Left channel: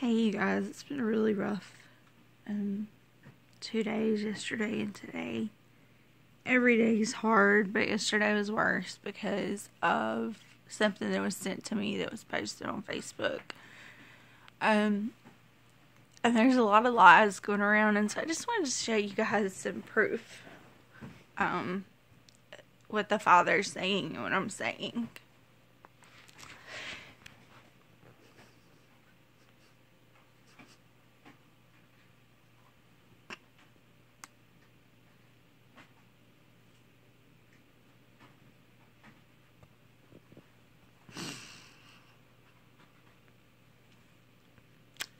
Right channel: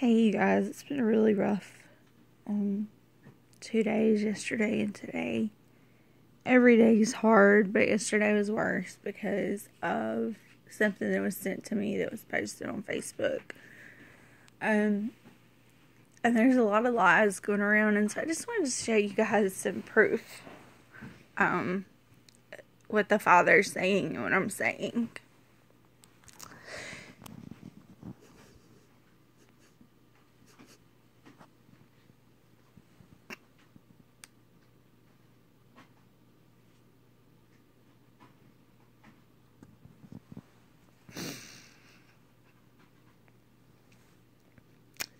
Hey you guys, it's been really rough. 2 days, yesterday and today. Every day is hard, but yesterday was worse because of something that was sent to me that was posted on Facebook. And there's a lot of lies going around, and so I just wanted to show you guys some proof. What the Father's saying and what I'm saying.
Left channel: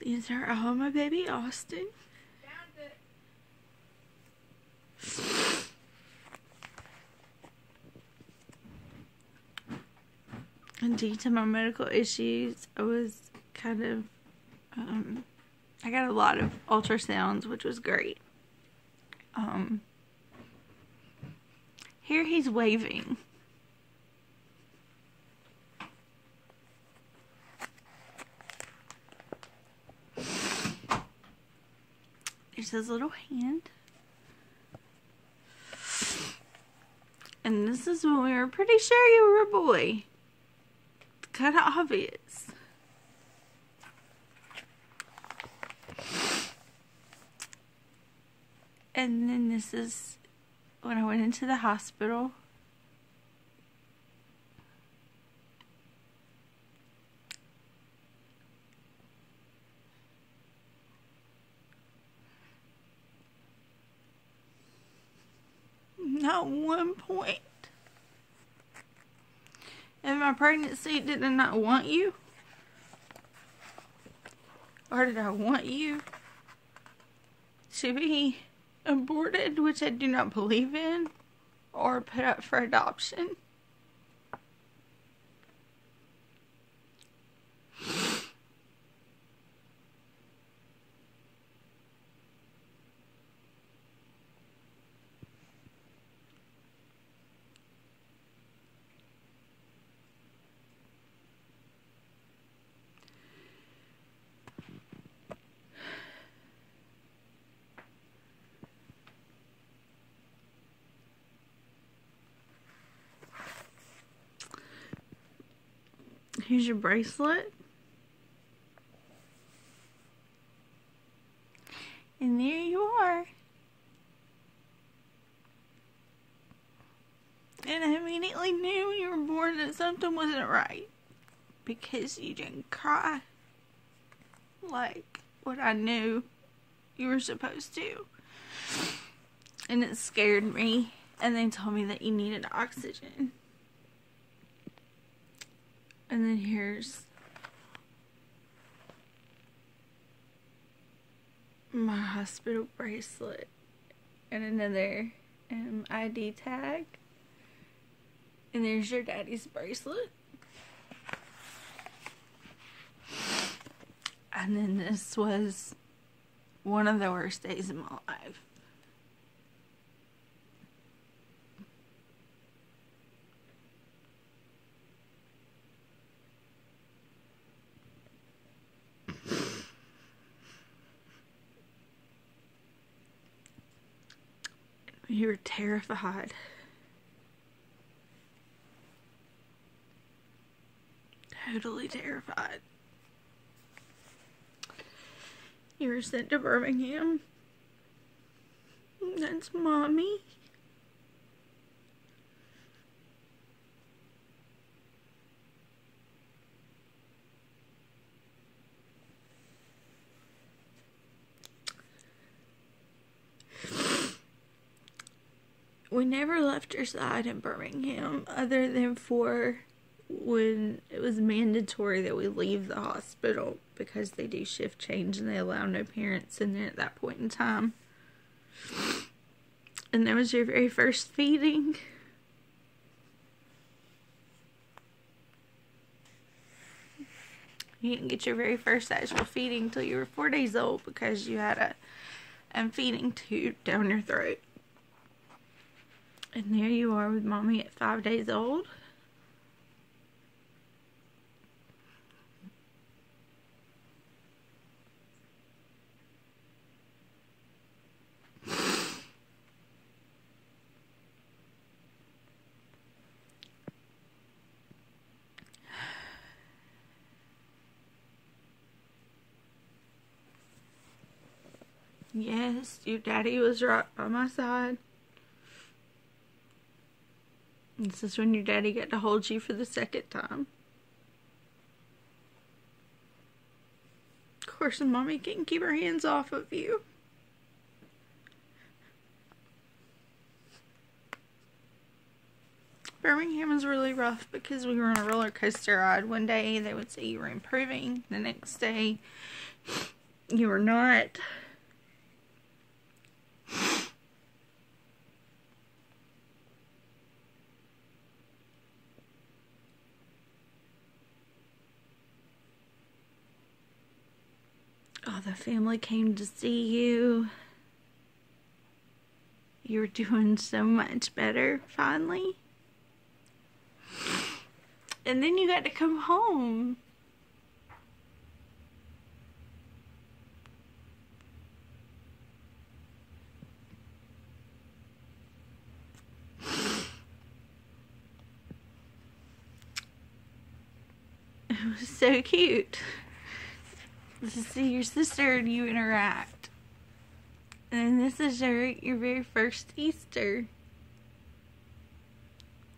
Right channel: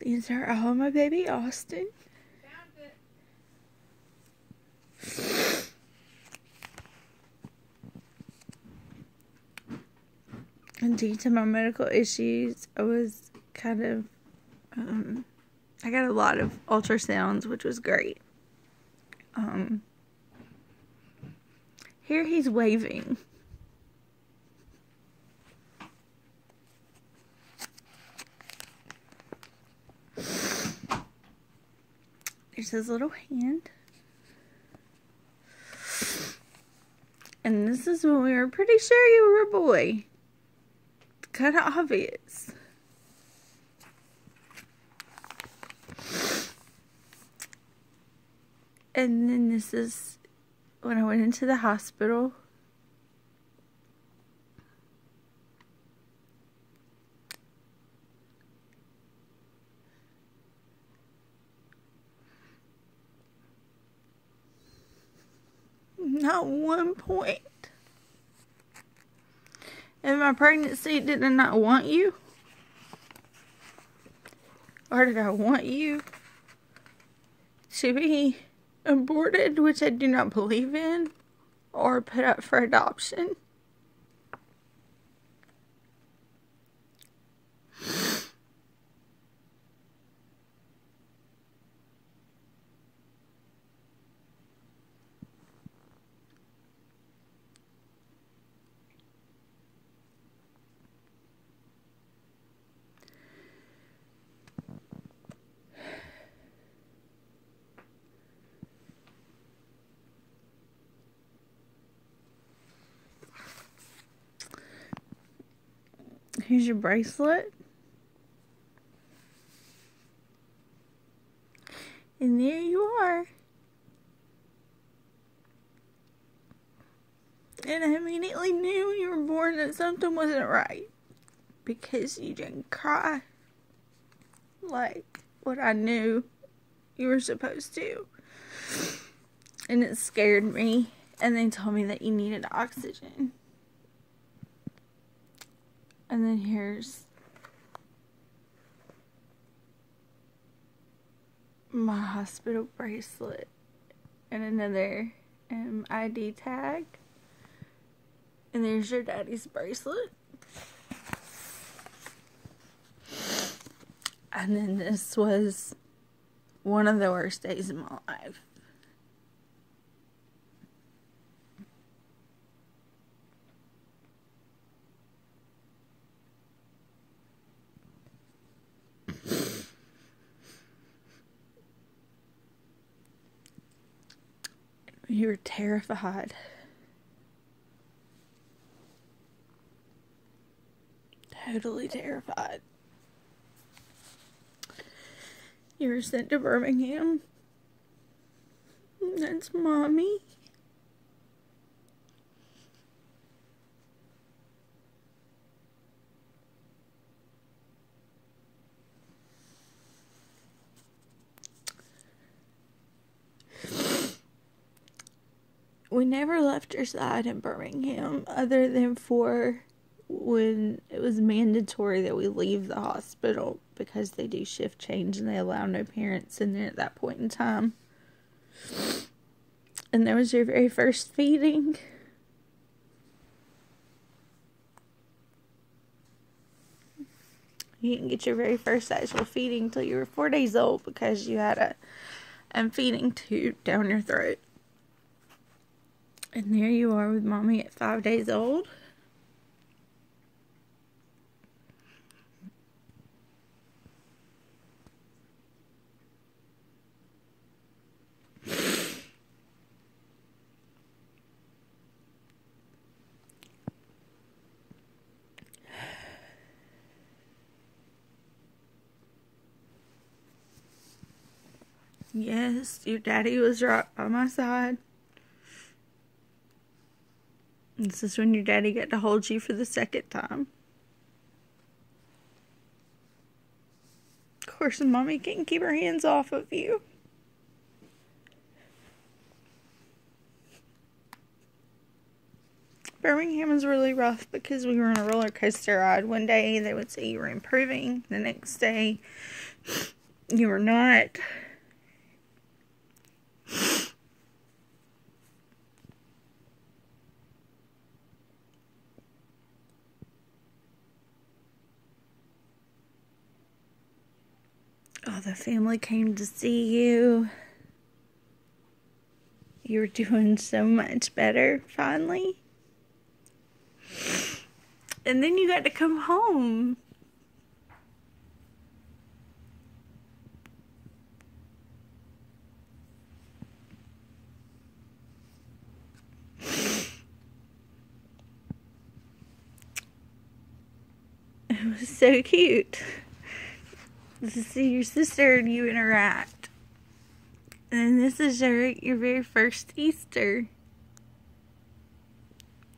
These are all my baby Austin. And due to my medical issues, I was kind of, I got a lot of ultrasounds, which was great. Here he's waving. There's his little hand. And this is when we were pretty sure you were a boy. It's kind of obvious. And then this is when I went into the hospital. Not one point in my pregnancy did I not want you, or did I want you to be aborted, which I do not believe in, or put up for adoption. Here's your bracelet. And there you are. And I immediately knew when you were born that something wasn't right. Because you didn't cry like what I knew you were supposed to. And it scared me. And they told me that you needed oxygen. And then here's my hospital bracelet and another ID tag. And there's your daddy's bracelet. And then this was one of the worst days of my life. You were terrified. Totally terrified. You were sent to Birmingham. That's Mommy. We never left your side in Birmingham other than for when it was mandatory that we leave the hospital because they do shift change and they allow no parents in there at that point in time. And that was your very first feeding. You didn't get your very first actual feeding until you were 4 days old because you had a feeding tube down your throat. And there you are with Mommy at 5 days old. Yes, your daddy was right by my side. This is when your daddy got to hold you for the second time. Of course, mommy can't keep her hands off of you. Birmingham was really rough because we were on a roller coaster ride. One day they would say you were improving. The next day you were not. All the family came to see you. You were doing so much better, finally. And then you got to come home. It was so cute to see your sister and you interact. And this is your very first Easter.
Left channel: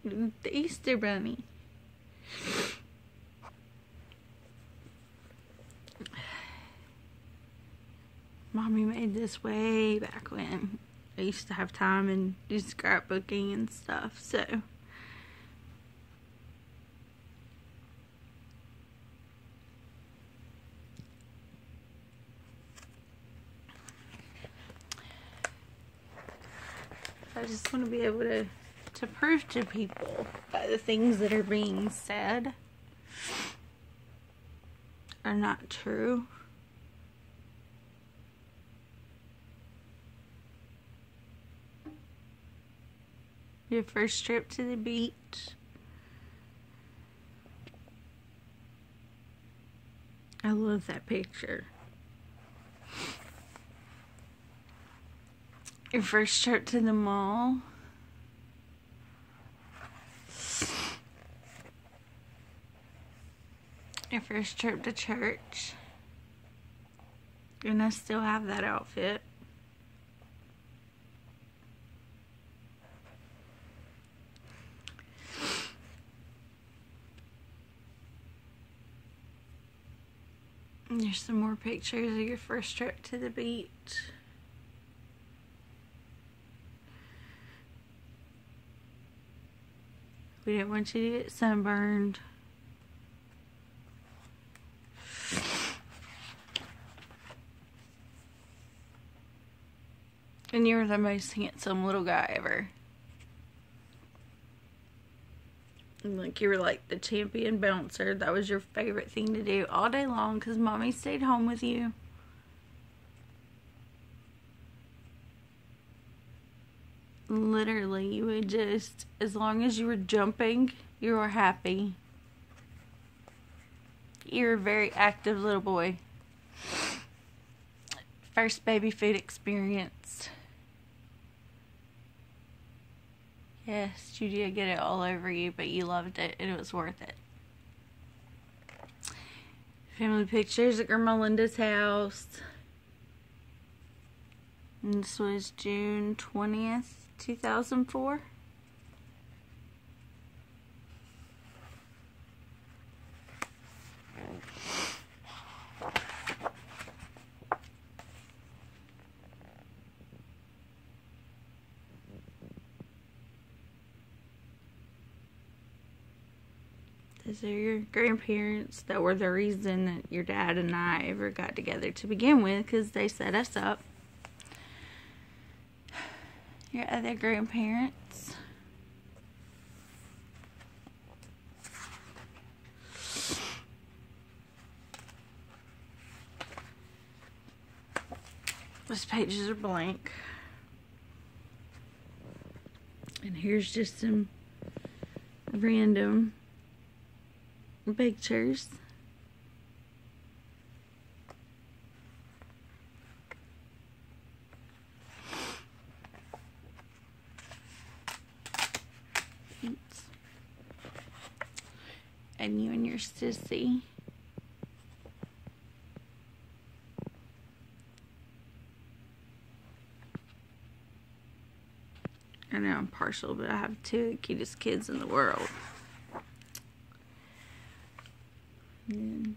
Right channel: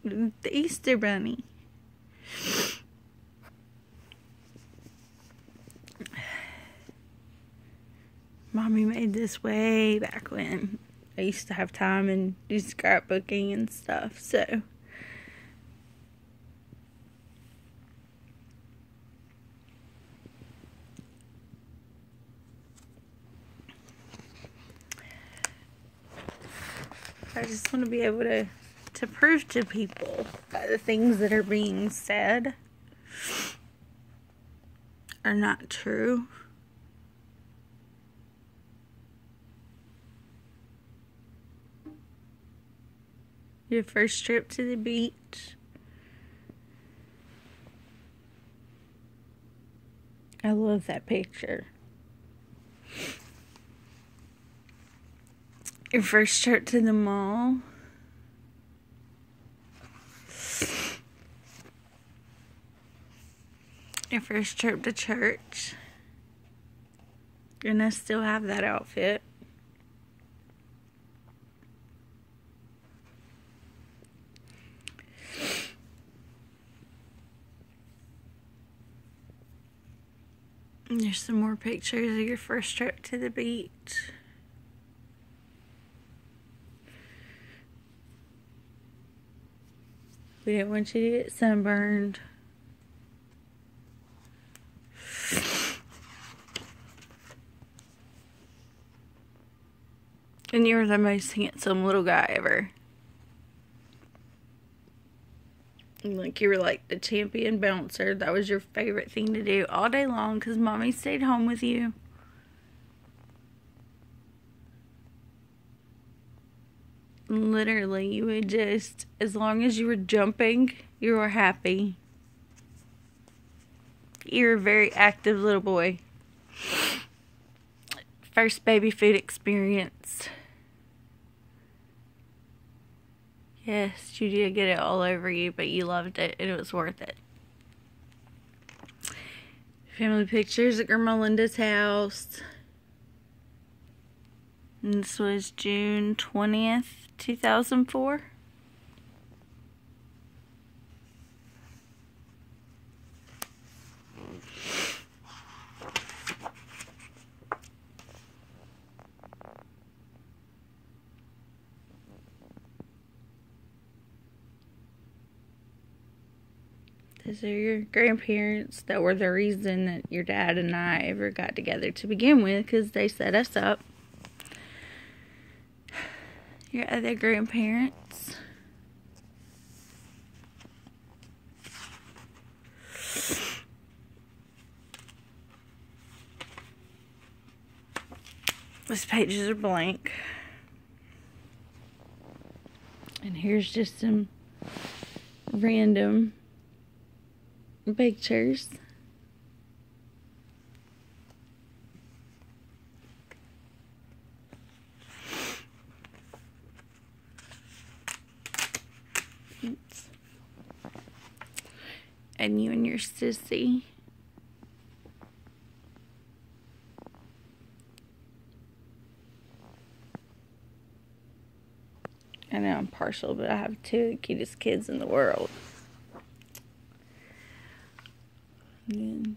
The Easter Bunny. Mommy made this way back when I used to have time and do scrapbooking and stuff, so. I just want to be able to prove to people that the things that are being said are not true. Your first trip to the beach. I love that picture. Your first trip to the mall. Your first trip to church. And I still have that outfit. And there's some more pictures of your first trip to the beach. We didn't want you to get sunburned. And you were the most handsome little guy ever. Like, you were like the champion bouncer. That was your favorite thing to do all day long because mommy stayed home with you. Literally, you would just, as long as you were jumping, you were happy. You're a very active little boy. First baby food experience. Yes, you did get it all over you, but you loved it and it was worth it. Family pictures at Grandma Linda's house. And this was June 20th, 2004. These are your grandparents that were the reason that your dad and I ever got together to begin with, because they set us up. Your other grandparents. These pages are blank. And here's just some random pictures. Oops. And you and your sissy. know I'm partial, but I have two of the cutest kids in the world. And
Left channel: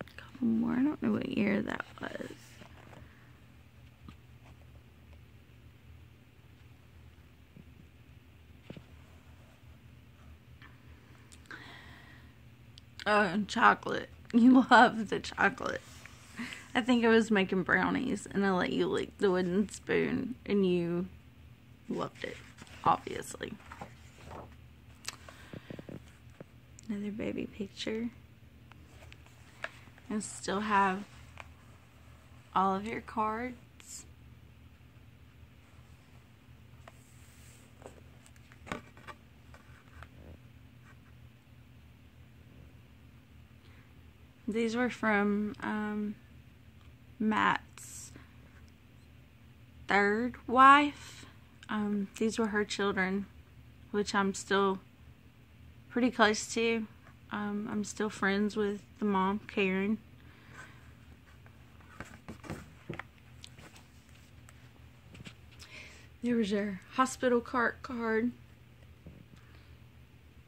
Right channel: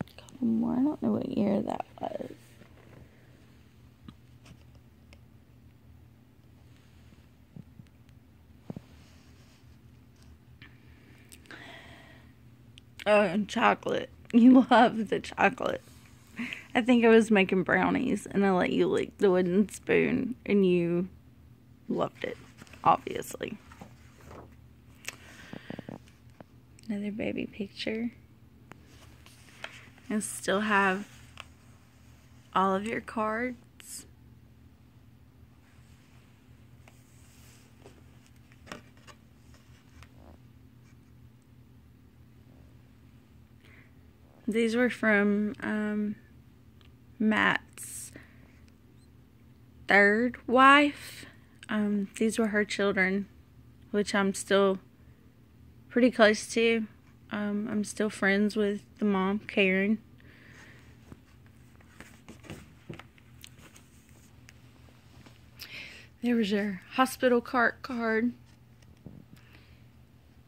a couple more. I don't know what year that was. Oh, and chocolate. You love the chocolate. I think I was making brownies, and I let you lick the wooden spoon, and you loved it, obviously. Another baby picture. And still have all of your cards. These were from Matt's third wife. These were her children, which I'm still pretty close to. I'm still friends with the mom, Karen. There was your hospital cart card.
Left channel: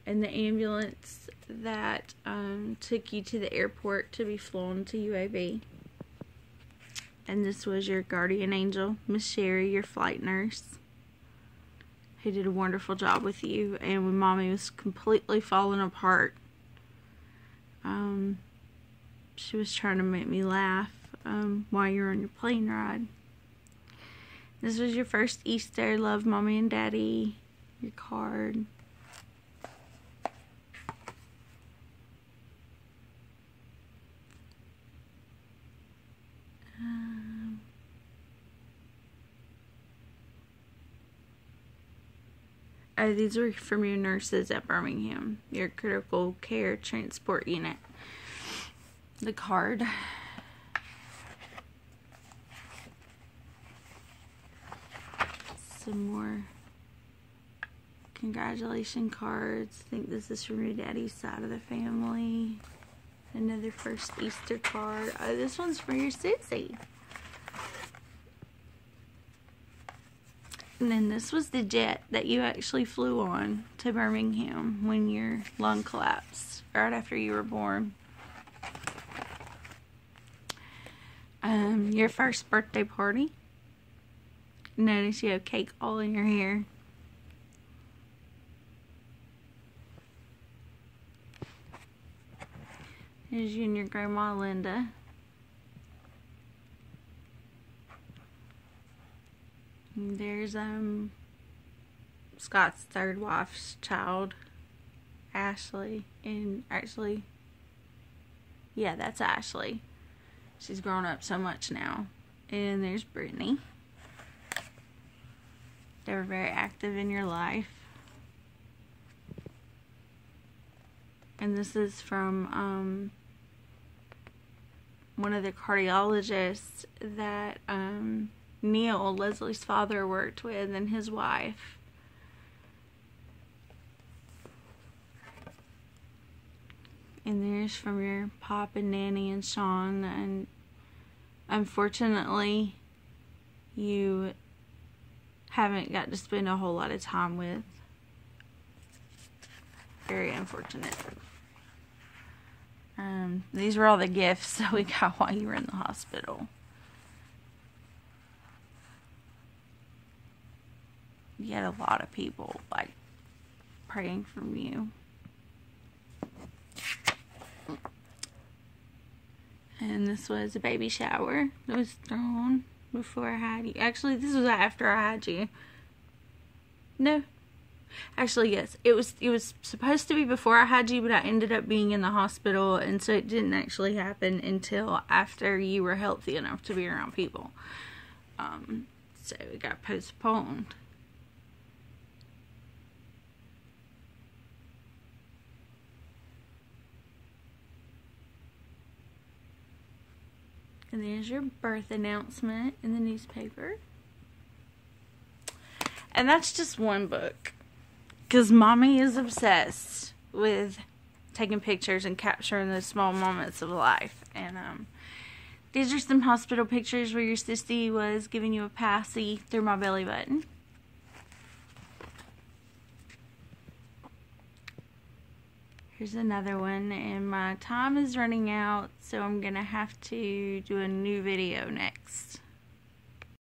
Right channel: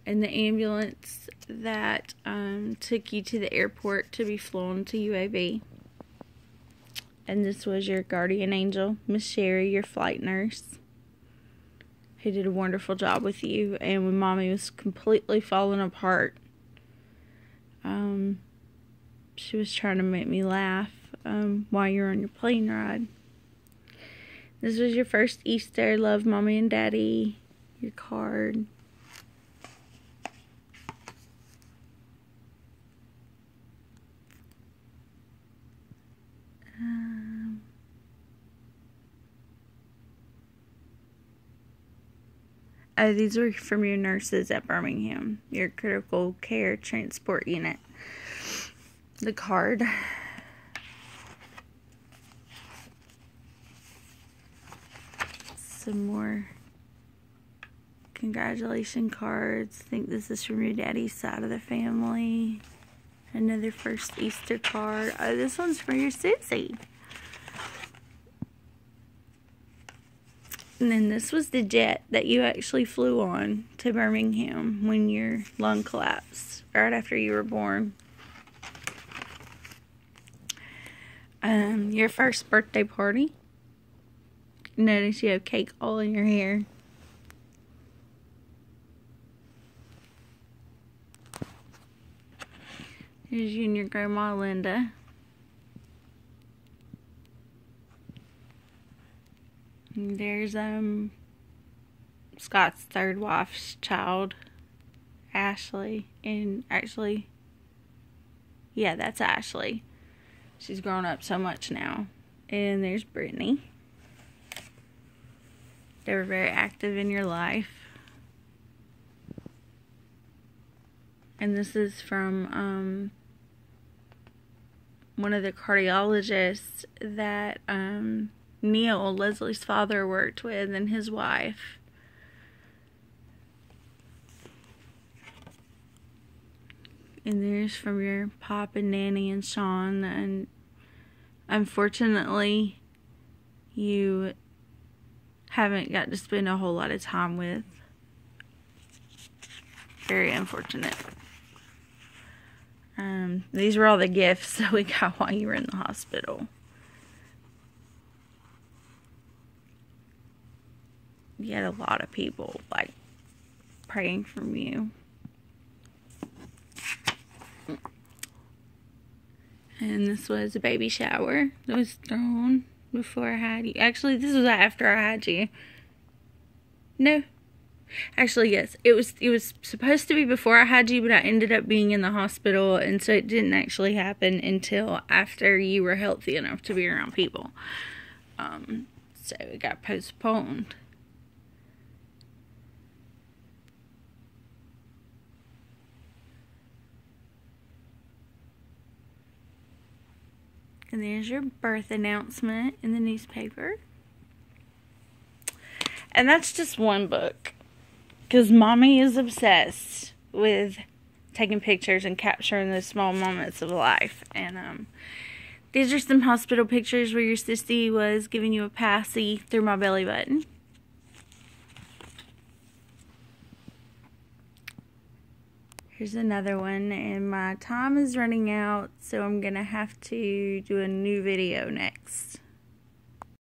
And the ambulance that took you to the airport to be flown to UAB. And this was your guardian angel, Miss Sherry, your flight nurse, who did a wonderful job with you. And when Mommy was completely falling apart, she was trying to make me laugh while you were on your plane ride. This was your first Easter. Love, Mommy and Daddy. Your card. Oh, these are from your nurses at Birmingham. Your critical care transport unit. The card. Some more congratulation cards. I think this is from your daddy's side of the family. Another first Easter card. Oh, this one's for your Susie. And then this was the jet that you actually flew on to Birmingham when your lung collapsed right after you were born. Your first birthday party. Notice you have cake all in your hair. Here's you and your grandma Linda. And there's Scott's third wife's child, Ashley. And actually, yeah, that's Ashley. She's grown up so much now. And there's Brittany. They were very active in your life. And this is from one of the cardiologists that Neil, Leslie's father, worked with, and his wife. And there's from your Pop and Nanny and Sean. And unfortunately, you haven't got to spend a whole lot of time with. Very unfortunate. These were all the gifts that we got while you were in the hospital. You had a lot of people, like, praying for you. And this was a baby shower that was thrown before I had you. Actually, this was after I had you. No. Actually, yes. It was supposed to be before I had you, but I ended up being in the hospital, and so it didn't actually happen until after you were healthy enough to be around people. So it got postponed. And there's your birth announcement in the newspaper. And that's just one book. Because Mommy is obsessed with taking pictures and capturing those small moments of life. And These are some hospital pictures where your sissy was giving you a passy through my belly button. Here's another one, and my time is running out, so I'm gonna have to do a new video next.